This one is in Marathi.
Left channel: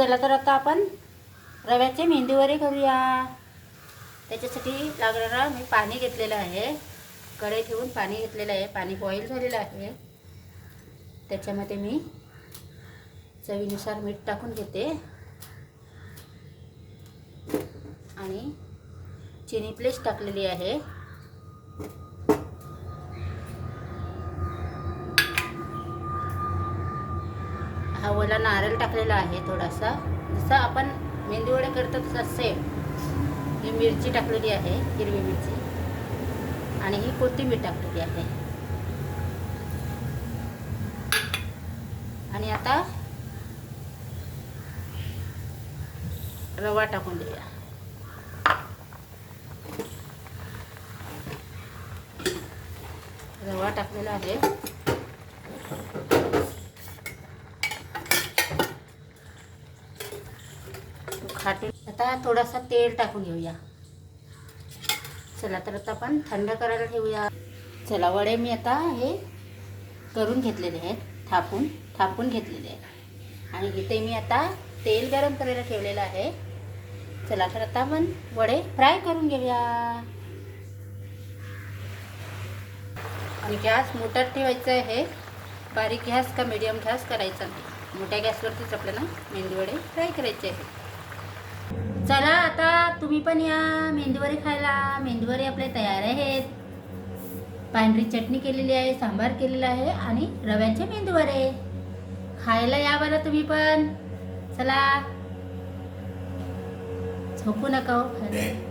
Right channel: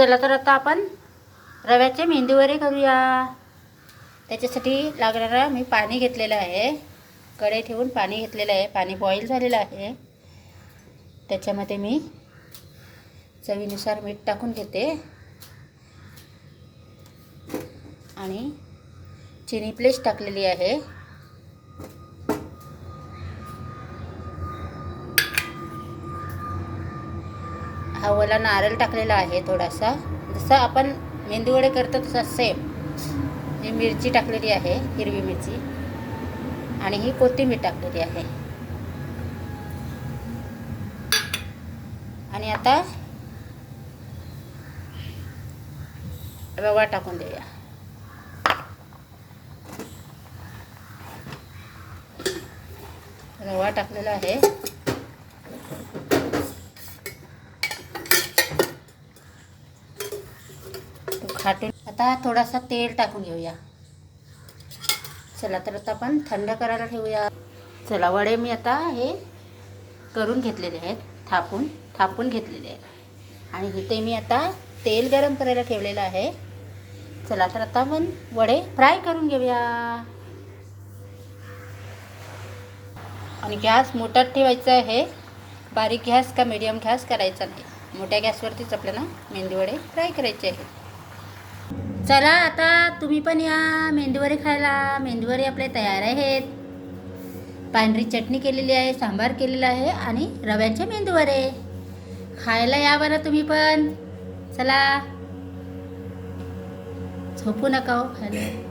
चला तर आता आपण रव्याचे मेंदूवडे करूया. त्याच्यासाठी लागणारा मी पाणी घेतलेलं आहे. कढई ठेवून पाणी घेतलेलं आहे. पाणी बॉईल झालेलं आहे. त्याच्यामध्ये मी चवीनुसार मीठ टाकून घेते आणि चिनी प्लेस टाकलेली आहे. हा ओला नारळ टाकलेला आहे थोडासा. जसं आपण मेंदूवडे करतो तसं सेम. ही मिरची टाकलेली आहे, हिरवी मिरची, आणि ही कोथिंबीर टाकलेली आहे. आणि आता रवा टाकून देऊया. रवा टाकलेला आहे. आता थोडासा तेल टाकून घेऊया. चला तर आता आपण थंड करायला ठेवूया. चला, वडे मी आता हे करून घेतलेले आहेत, थापून घेतलेले आहेत. आणि इथे मी आता तेल गरम करायला ठेवलेलं आहे. चला तर आता आपण वडे फ्राय करून घेऊया. आणि गॅस मोठा ठेवायचा आहे. बारीक गॅस का मीडियम गॅस करायचा नाही. मोठ्या गॅसवरतीच आपल्याला मेंदूवडे फ्राय करायचे आहेत. चला आता तुम्ही पण या मेंदूवडे खायला. मेंदूवडे आपले तयार आहेत. पांढरी चटणी केलेली आहे, सांबार केलेला आहे आणि रव्याचे मेंदूवडे खायला या बरं तुम्ही पण. चला, झोपू नका हो खायला.